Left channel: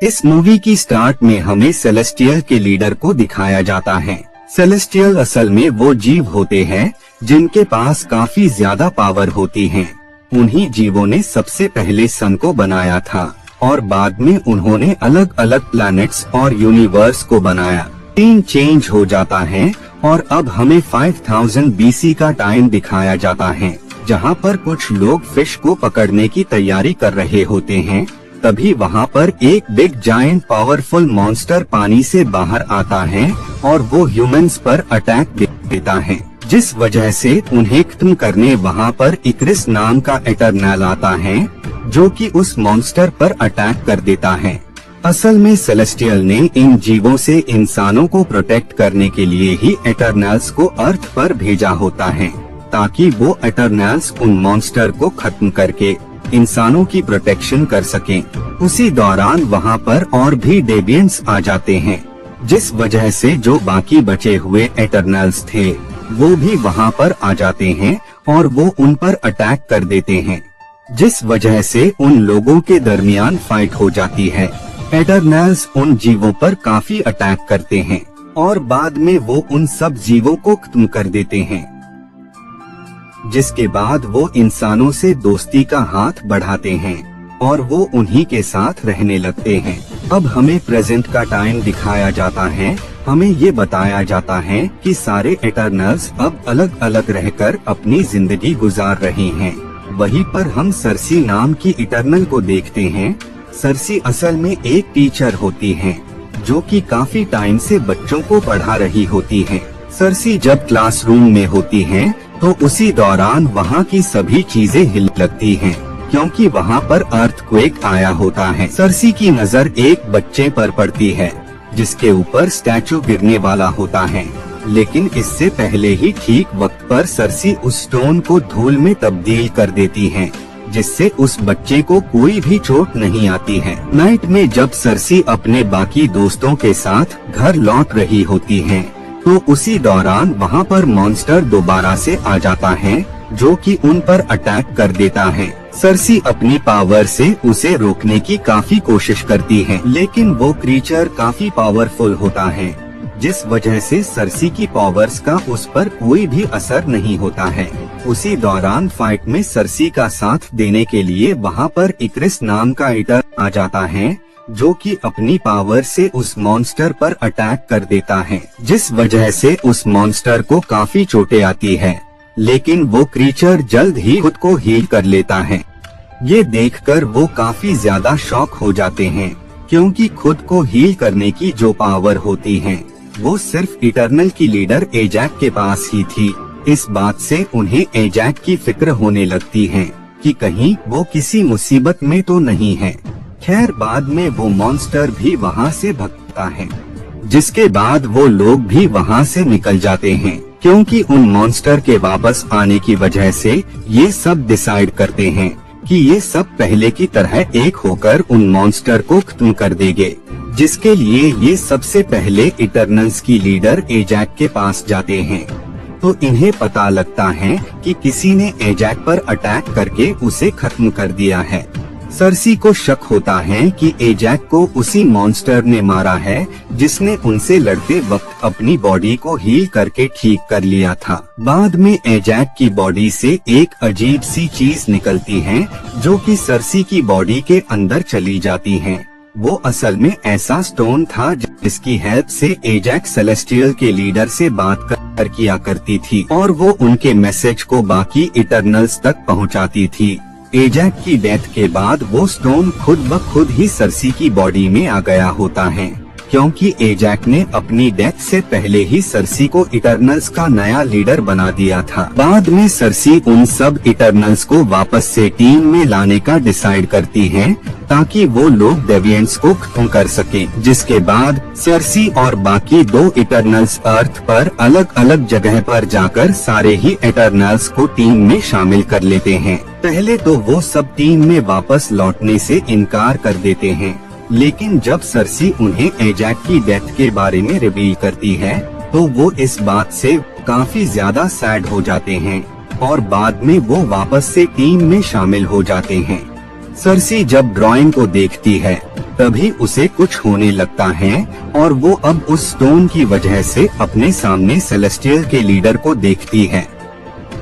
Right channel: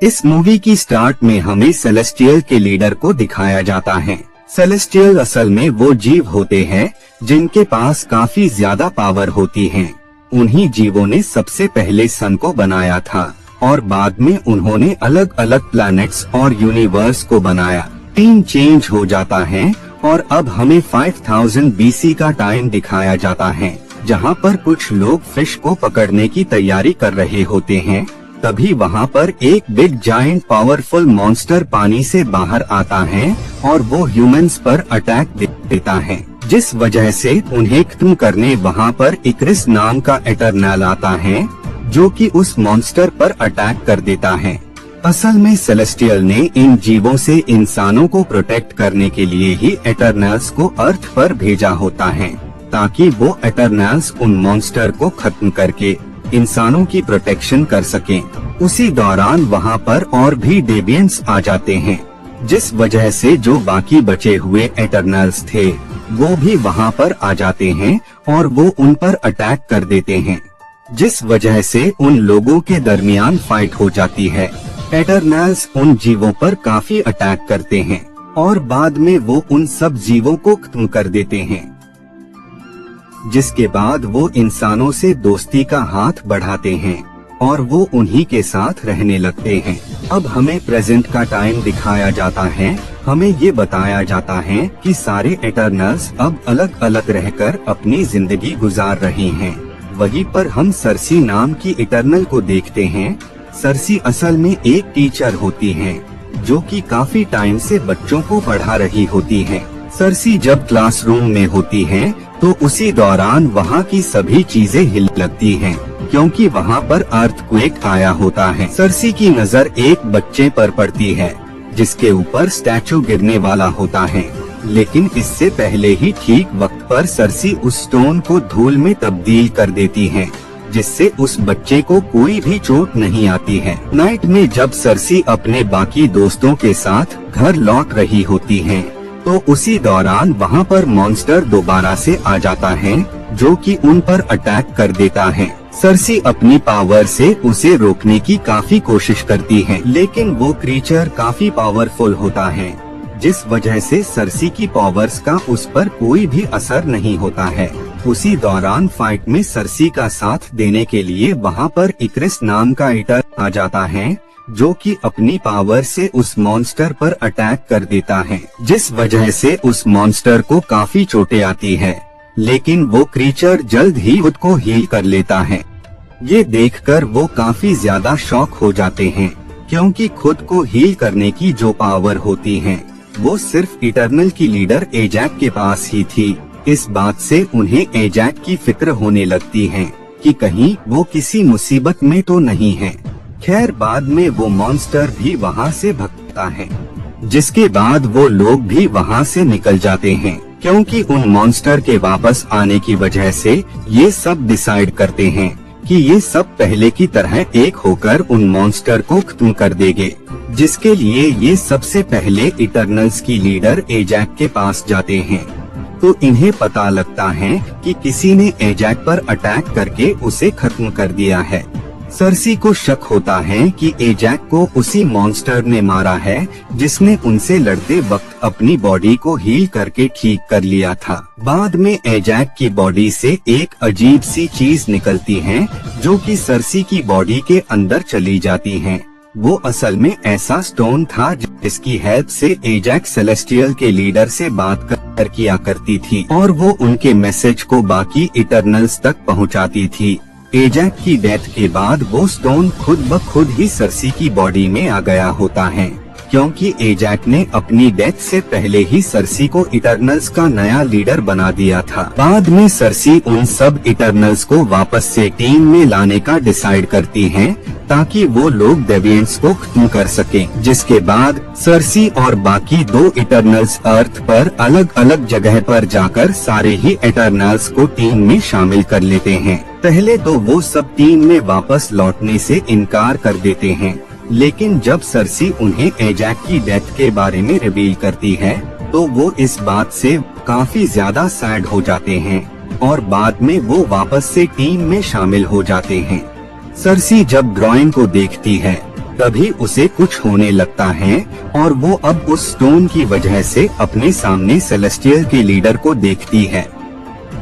इस मूवी की स्टार्ट में हमें सेलेस्टियल के लीडर को दिखाया जाता है। सेलेस्टियल असल में वो जीव होते हैं जिनके पास काफी ज्यादा पावर होती है। उन्हीं जीवों ने सबसे पहले सन को बनाया था और बाद में उन्होंने अलग अलग प्लैनेट्स और यूनिवर्स को बनाया। टाइम चेंज हो जाता है और अब हमें 5000 BC का टाइम दिखाया जाता है, जहाँ पर कुछ लोग फिश को पकड़ने की तैयारी कर रहे होते हैं। तभी वहाँ पर एक बिग जायंट पावरफुल मॉन्स्टर पानी से बाहर आता है और वो ह्यूमंस पर अटैक देता है, जिस वजह से उन्हें खत्म करने वहाँ पर इक्रिस नाम का एटर्नल आता है, जो कि उस मॉन्स्टर पर अटैक कर देता है। असल में सेलेस्टियल ने इन जीवों से इंसानों को प्रोटेक्ट करने के लिए ही एटर्नल्स को अर्थ पर भेजा होता है, ताकि वो एटर्नल्स उन मॉन्स्टर को खत्म करके इंसानों की प्रोटेक्शन कर सकें। उसी दौरान वहाँ पर और भी डेवियंस आ जाते हैं, जिस वजह से जो बाकी बचे हुए एटर्नल्स थे वो भी वहाँ पर आ जाते हैं और वो उन पर अटैक कर देते हैं, जिस वजह से उन लोगों के दरमियान फाइट हो जाती है। एटर्नल्स उन जीवों पर काफी अटैक करते हैं और बाद में वो उन सब जीवों को खत्म कर देते हैं, जिसके बाद वो इंसानों से दोस्ती का हाथ बढ़ाते हैं और वो उन्हीं के साथ रहने लगते हैं। अब हमें प्रेजेंट का टाइम दिखाया जाता है। हमें ये बताया जाता है कि सारे एटर्नल्स अब अलग अलग रहकर अपनी जिंदगी गुजार रहे हैं। वहीं पर हम सर्सी नाम की इटर्नल को देखते हैं। सर्सी असल में एक टीचर होती है जो कि काफी टाइम से बच्चों को पढ़ा रही होती है। सर्सी जब क्लासरूम में होती है तो उसी दौरान वहाँ की सभी चीजें हिल लगती हैं, क्योंकि वहाँ पर अर्थक्वेक आया होता है। सर्सी की नजर एक बच्चे पर पड़ती है जिसके ऊपर स्टैचू गिरने वाला होता है, लेकिन इससे पहले ही ठीक वक्त पर सर्सी उस स्टोन को धूल में तब्दील कर देती है, जिससे उस बच्चे को कोई भी चोट नहीं आती है। नाइट में जब सर्सी अपने बाकी दोस्तों के साथ घर लौट रही होती है तो उसी दौरान वहाँ पर मॉन्स्टर दोबारा से आ जाता है, जो कि उन पर अटैक कर देता है। सर्सी अपनी पावर से उसे रोकने की काफी कोशिश करती है, लेकिन वो क्रीचर काफी पावरफुल होता है, जिस वजह से सर्सी की पावर्स का उस पर कोई भी असर नहीं होता है। उसी दौरान फाइट में सर्सी का साथ देने के लिए वहाँ पर इक्रिस नाम का एटर आ जाता है, जो कि अपनी पावर से उस मॉन्स्टर पर अटैक कर देता है, जिस वजह से उस मॉन्स्टर को काफी चोटें आती है, लेकिन वो क्रीचर जल्द ही खुद को हील कर लेता है। ये देखकर वो काफी ज्यादा शॉक हो जाते हैं, क्योंकि खुद को हील करने की जो पावर होती है वो सिर्फ इटर्नल की लीडर एजैक के पास ही थी। इस बात से उन्हें एजैक की फिक्र होने लगती है कि कहीं वो किसी मुसीबत में तो नहीं है। खैर बाद में वो मॉन्स्टर भी वहाँ से भागता है, जिसके बाद वो लोग भी वहाँ से निकल जाते हैं, क्योंकि उन मॉन्स्टर के वापस आने की वजह से ये सब डिसाइड करते हैं कि ये सब पहले की तरह एक होकर उन मॉन्स्टर को खत्म कर देंगे, जिसके लिए ये सबसे पहले इटर्नल्स की लीडर एजैक के पास जाते हैं। तो इन्हें पता लगता है कि किसी ने एजैक पर अटैक करके उसे खत्म कर दिया है। सर्सी को शक होता है कि एजैक को उसी मॉन्स्टर ने मारा है जिसने उनसे लड़ते वक्त अपनी बॉडी को हील करके ठीक कर लिया था। बाद में एजैक की बॉडी से एक अजीब सी चीज निकलती है जो कि सर्सी की बॉडी के अंदर चली जाती है। वो असल में ऐसा स्टोन था जिसकी हेल्प से एजैक सेलेस्टियल के लीडर से बात कर किया करती थी और वो उनके मैसेज को बाकी इटर्नल्स तक पहुंचाती थी। एजैक की डेथ के बाद वो स्टोन खुद ब खुद ही सर्सी की बॉडी में आ गया होता है, क्योंकि एजैक ने अपनी डेथ से पहले ही सर्सी को इटर्नल्स का नया लीडर बना दिया था। बाद में सर्सी उन सब इटर्नल्स को वापस से टीम में लाने का डिसाइड करती है ताकि वो लोग डेविएंट्स को खत्म कर सके, जिसके बाद सर्सी और बाकी दो इटर्नल्स अर्थ पर अलग अलग जगह पर जाकर सारे ही इटर्नल्स को टीम में शामिल कर लेते हैं। पहले तो वो सब टीम में वापस लौटने से इनकार कर देते हैं, लेकिन जब सर्सी उन्हें एजैक की डेथ के बारे में रिवील करती है तो वो इस बात से काफी ज्यादा सैड हो जाते हैं और बाद में वो वापस से टीम में शामिल हो जाते हैं। सर्सी जब ड्राइंग को देखती है तभी उसे कुछ होने लगता है और वो अब उस स्टोन की वजह से अपने सामने सेलेस्टियल के लीडर को देखती है।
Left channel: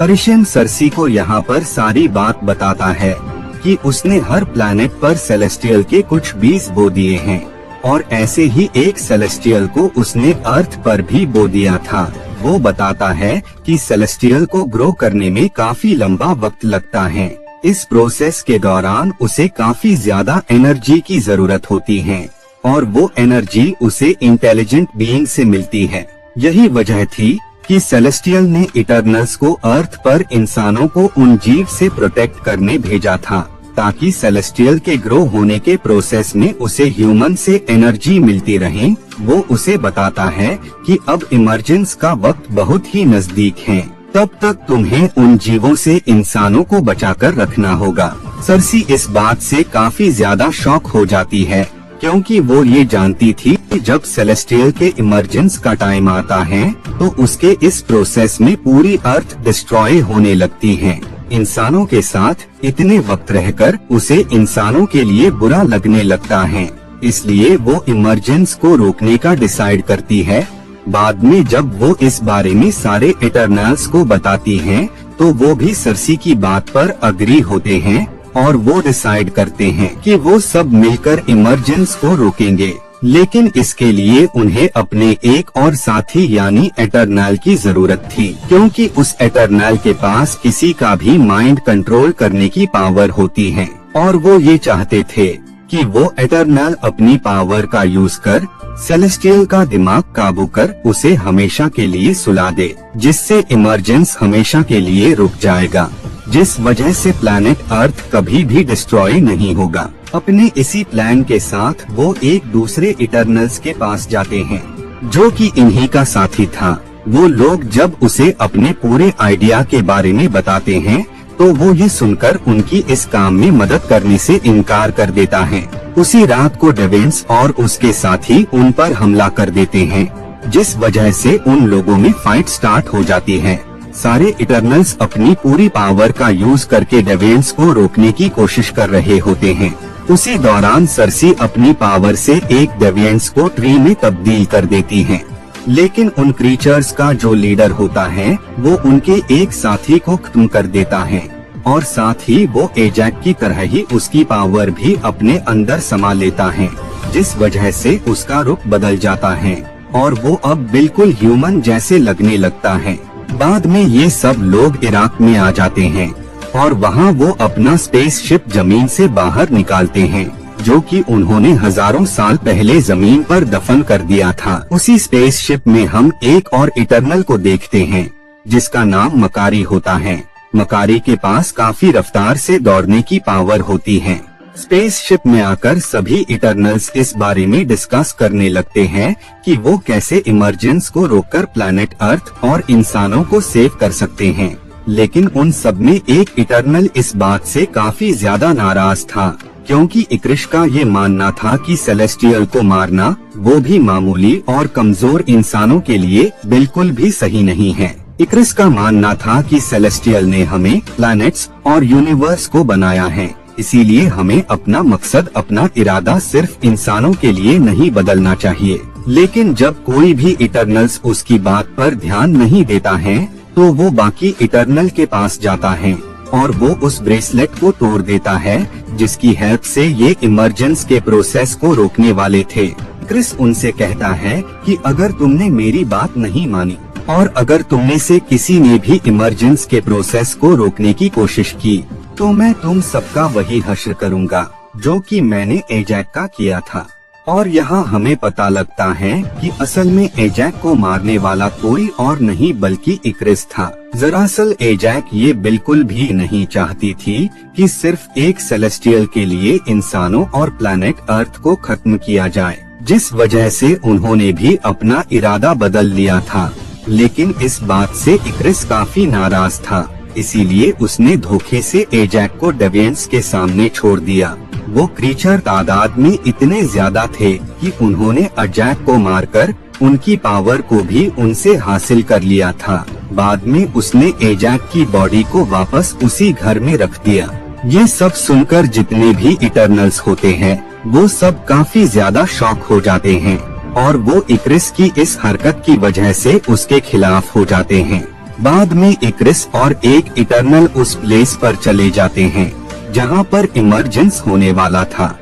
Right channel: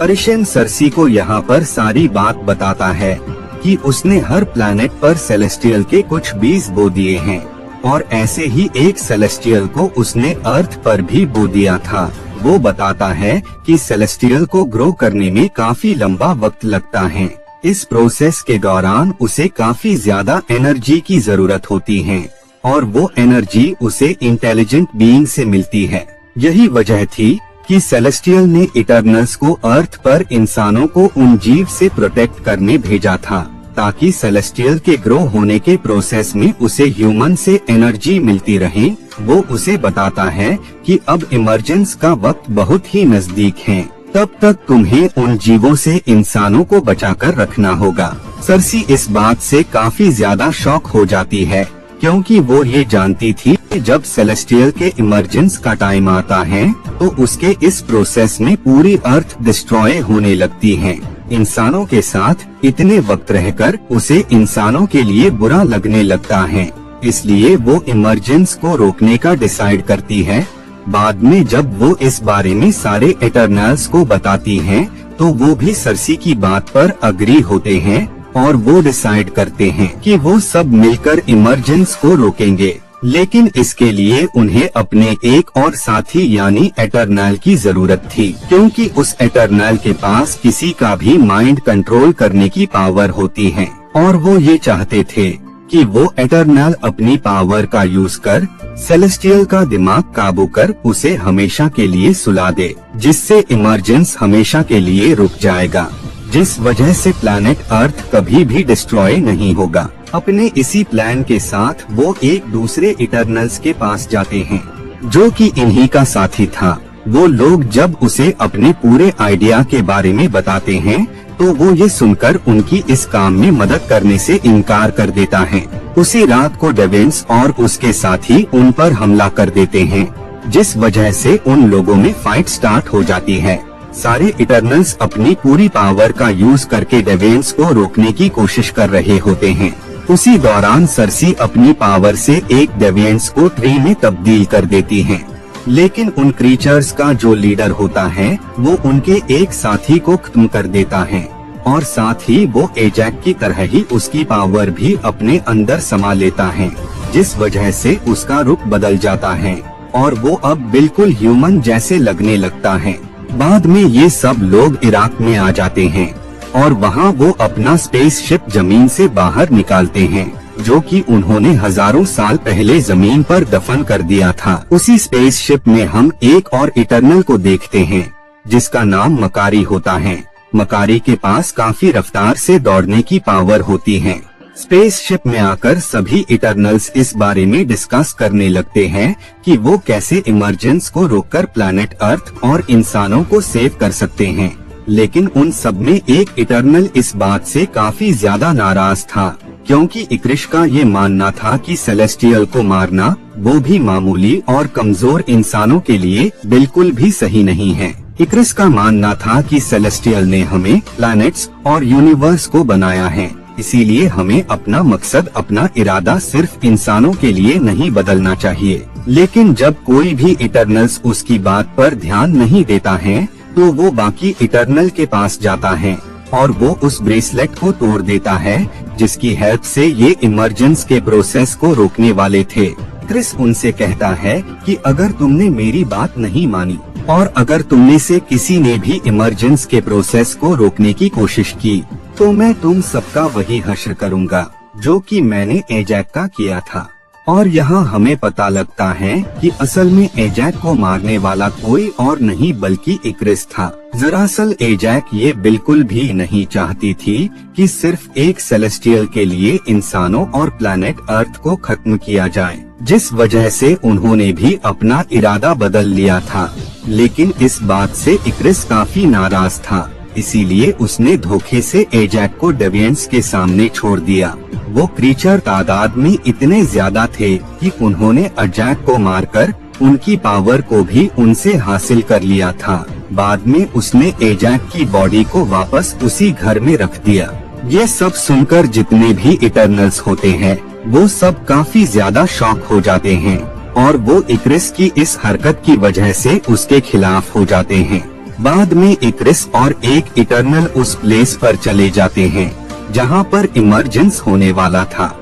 परिशन सर्सी को यहाँ पर सारी बात बताता है कि उसने हर प्लैनेट पर सेलेस्टियल के कुछ बीज बो दिए हैं और ऐसे ही एक सेलेस्टियल को उसने अर्थ पर भी बो दिया था। वो बताता है कि सेलेस्टियल को ग्रो करने में काफी लंबा वक्त लगता है। इस प्रोसेस के दौरान उसे काफी ज्यादा एनर्जी की जरूरत होती है और वो एनर्जी उसे इंटेलिजेंट बीइंग से मिलती है। यही वजह थी कि सेलेस्टियल ने इटर्नल्स को अर्थ पर इंसानों को उन जीव से प्रोटेक्ट करने भेजा था ताकि सेलेस्टियल के ग्रो होने के प्रोसेस में उसे ह्यूमन से एनर्जी मिलती रहे। वो उसे बताता है कि अब इमरजेंस का वक्त बहुत ही नजदीक है, तब तक तुम्हें उन जीवों से इंसानों को बचाकर रखना होगा। सर्सी इस बात से काफी ज्यादा शॉक हो जाती है क्योंकि वो ये जानती थी कि जब सेलेस्टियल के इमरजेंस का टाइम आता है तो उसके इस प्रोसेस में पूरी अर्थ डिस्ट्रॉय होने लगती है। इंसानों के साथ इतने वक्त रहकर उसे इंसानों के लिए बुरा लगने लगता है, इसलिए वो इमरजेंस को रोकने का डिसाइड करती है। बाद में जब वो इस बारे में सारे इटर्नल्स को बताती है तो वो भी सर्सी की बात पर अग्री होते हैं और वो डिसाइड करते हैं कि वो सब मिलकर इमरजेंस को रोकेंगे। लेकिन इसके लिए उन्हें अपने एक और साथी यानी एटर्नल की जरूरत थी क्योंकि उस एटर्नल के पास किसी का भी माइंड कंट्रोल करने की पावर होती है और वो ये चाहते थे कि वो एटर्नल अपनी पावर का यूज कर सेलेस्टियल का दिमाग काबू कर उसे हमेशा के लिए सुला दे, जिससे इमरजेंस हमेशा के लिए रुक जाएगा, जिस वजह से प्लैनेट अर्थ कभी भी डिस्ट्रॉय नहीं होगा। अपने इसी प्लान के साथ वो एक दूसरे इटर्नल्स के पास जाते हैं जो कि इन्हीं का साथी था। वो लोग जब उसे अपने पूरे आइडिया के बारे में बताते हैं तो वो ये सुनकर उनकी इस काम में मदद करने से इनकार कर देता है। उसी रात को डेवेंस और उसके साथी उन पर हमला कर देते हैं, जिस वजह से उन लोगों में फाइट स्टार्ट हो जाती है। सारे इटर्नल्स अपनी पूरी पावर का यूज करके डेवेंस को रोकने की कोशिश कर रहे होते हैं। उसी दौरान सर्सी अपनी पावर से एक डेविएंट्स को ट्री में तब्दील कर देती है, लेकिन उन क्रीचर्स का जो लीडर होता है वो उनके एक साथी को खत्म कर देता है और साथ ही वो एजैक की तरह ही उसकी पावर भी अपने अंदर समा लेता है, जिस वजह से उसका रुख बदल जाता है और वो अब बिल्कुल ह्यूमन जैसे लगने लगता है। बाद में ये सब लोग इराक में आ जाते हैं और वहाँ वो अपना स्पेसशिप जमीन से बाहर निकालते हैं जो कि उन्होंने हजारों साल पहले जमीन पर दफन कर दिया था। उसी स्पेसशिप में हम एक और इटर्नल को देखते हैं जिसका नाम मकारी होता है। मकारी के पास काफी रफ्तार से दौड़ने की पावर होती है। स्पेसशिप में आकर सभी इटर्नल्स इस बारे में डिस्कस करने लगते हैं कि वो कैसे इमरजेंस को रोककर प्लैनेट अर्थ और इंसानों को सेव कर सकते हैं। लेकिन उन सब में एक इटर्नल इस बात से काफी ज्यादा नाराज था क्योंकि इक्रिश का ये मानना था कि सेलेस्टियल को मारना वो भी मामूली और कमजोर इंसानों के लिए बिल्कुल भी सही नहीं है। इक्रिश का मानना था कि सेलेस्टियल ने हमें प्लैनेट्स और यूनिवर्स को बनाया है, इसीलिए हमें अपना मकसद अपना इरादा सिर्फ इंसानों के लिए नहीं बदलना चाहिए। लेकिन जब कोई भी इटर्नल्स उसकी बात पर ध्यान नहीं देता है तो वो बाकी इटर्नल के पास जाता है और वो उस ब्रेसलेट को तोड़ देता है जिसकी हेल्प से ये इमरजेंस के प्रोसेस को रोकने वाले थे। क्रिस उनसे कहता है कि अगर तुमने मेरी बात नहीं मानी और अगर तुमने से किसी ने भी इमरजेंस के प्रोसेस को रोकने की कोशिश की तो मैं तुम सबका वही हश्र करूँगा जो कि मैंने एजैक का किया था। और यहाँ हमें पता लगता है कि असल में एजैक को मारने वाला कोई और नहीं बल्कि इक्रिस था। दरअसल एजैक ये बिल्कुल भी नहीं चाहती थी कि सिर्फ एक सेलेस्टियल के लिए इंसानों और प्लैनेट अर्थ को खत्म किया जाए, जिस वजह से उन्होंने भी अपना इरादा बदल लिया था। लेकिन इस बात से इक्रिस काफी नाराज था, इसीलिए उसने धोखे से एजैक को डेविएंट्स के सामने छोड़ दिया। वो क्रीचर तादाद में इतने ज्यादा थे कि उन्होंने एजैक को मारकर उनकी पावर को भी उनसे हासिल कर लिया था। बाद में उसने एजैक की बॉडी को वापस उसी घर में रख दिया। ये सब सुनकर जितने भी इटर्नल्स होते हैं वो सब काफी ज्यादा शॉक हो जाते हैं और वो इक्रिस की इस हरकत की वजह से उसके खिलाफ हो जाते हैं। बाद में इक्रिस और एक इटर्नल उस प्लेस पर चले जाते हैं जहाँ पर इमरजेंस होने वाला था।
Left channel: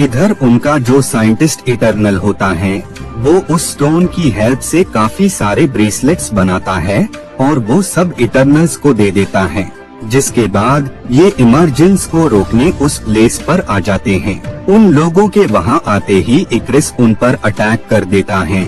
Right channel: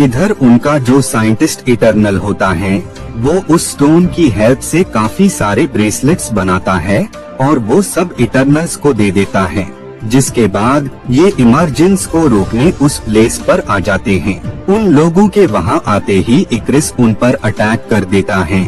इधर उनका जो साइंटिस्ट इटर्नल होता है वो उस स्टोन की हेल्प से काफी सारे ब्रेसलेट्स बनाता है और वो सब इटर्नल्स को दे देता है, जिसके बाद ये इमरजेंस को रोकने उस प्लेस पर आ जाते हैं। उन लोगों के वहाँ आते ही इक्रिस उन पर अटैक कर देता है,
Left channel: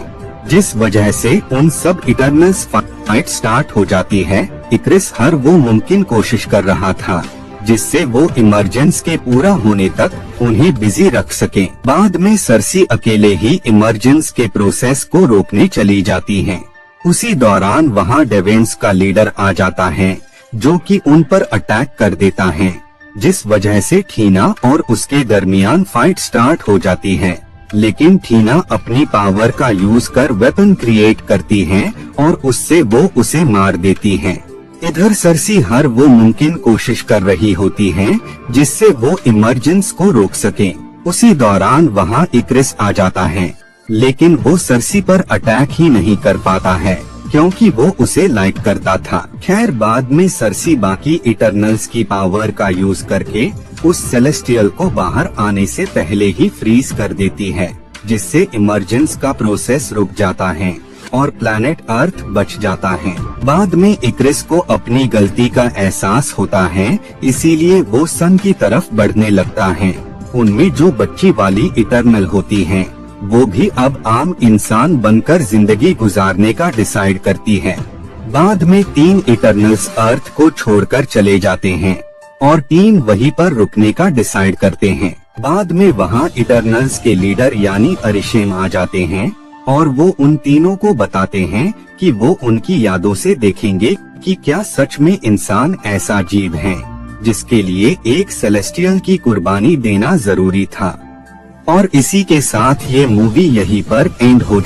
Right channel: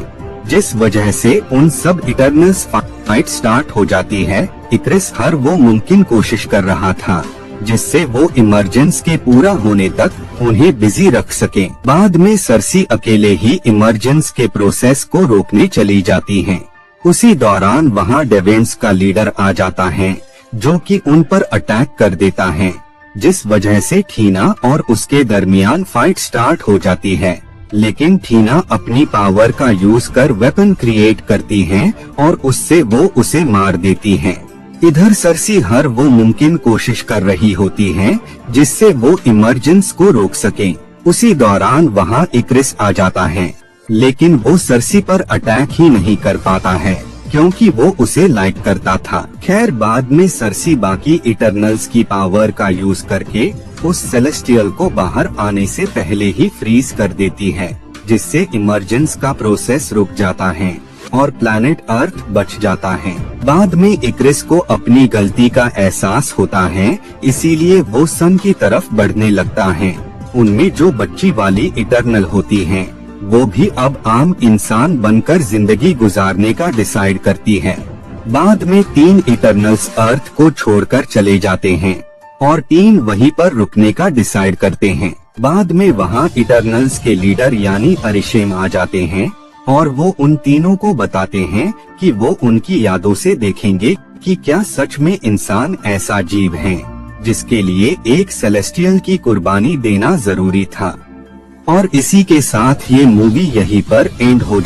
जिस वजह से उन सब इटर्नल्स फाइट स्टार्ट हो जाती है। इक्रिस हर वो मुमकिन कोशिश कर रहा था जिससे वो इमरजेंस के पूरा होने तक उन्हें बिजी रख सके। बाद में सरसी अकेले ही इमरजेंस के प्रोसेस को रोकने चली जाती हैं। उसी दौरान वहाँ डेवेंस का लीडर आ जाता है जो कि उन पर अटैक कर देता है, जिस वजह से ठीना और उसके दरमियान फाइट स्टार्ट हो जाती है। लेकिन ठीना अपनी पावर का यूज कर वेपन क्रिएट करती है और उससे वो उसे मार देती है। इधर सरसी हर वो मुमकिन कोशिश कर रही होती है जिससे वो इमरजेंस को रोक सके। उसी दौरान वहाँ इक्रिस आ जाता है, लेकिन वो सरसी पर अटैक ही नहीं कर पाता है क्योंकि वो उसे लाइक करता था। खैर बाद में सरसी बाकी इटर्नल्स की पावर का यूज करके उस सेलेस्टियल को बाहर आने से पहले ही फ्रीज कर देती है, जिससे इमरजेंस का प्रोसेस रुक जाता है और प्लैनेट अर्थ बच जाता है। बाद में इक्रिस को अपनी गलती का एहसास होता है, इसीलिए वो सन की तरफ बढ़ने लगता है। उनमें जो बच्ची वाली इटर्नल होती हैं, वो भी अब आम इंसान बनकर जिंदगी गुजारने का डिसाइड करती है। बाद में 3 इटर्नल्स अर्थ को छोड़कर चले जाते हैं और 3 वहीं पर रुकने का डिसाइड करते हैं। बाद में वहाँ इटर्नल्स के लीडर यानी अरिशेम आ जाते हैं और वो उन तीनों को बताते हैं कि वो उनकी यादों से देखेंगे कि क्या सच में इंसान ऐसा जीव है जिसके लिए एक सेलेस्टियल की कुर्बानी देना जरूरी था। और इसी के साथ ये मूवी यहीं पर एंड हो